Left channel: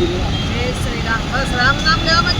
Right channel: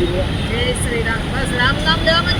શ્રી રામ. બસ રામ નામ લેવામાં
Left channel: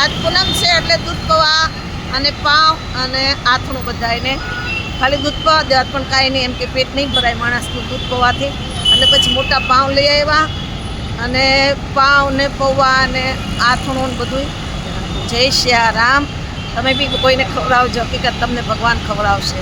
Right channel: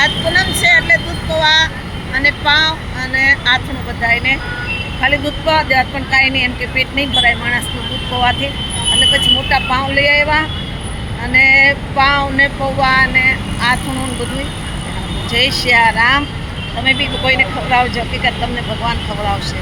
આજ પૂનમ છે એટલે દૂધ પૌવા અને પાવ અને આથણું બધા એને ખાલી દૂધ પૌવા દેવા પણ કાંઈ નહીં, એમ કે પેટ નહીં ભરાય માણસનું દૂધ પૌવાથી. અને પછી મોટા પાઉં લઈ આવ્યા અને પાવ ને પૌવા અને આથણું ને બધું જય શ્રી રામ. તમે બી કોઈને ખવડાવજો, હકીકત તમને ભગવાન ખવડાવશે.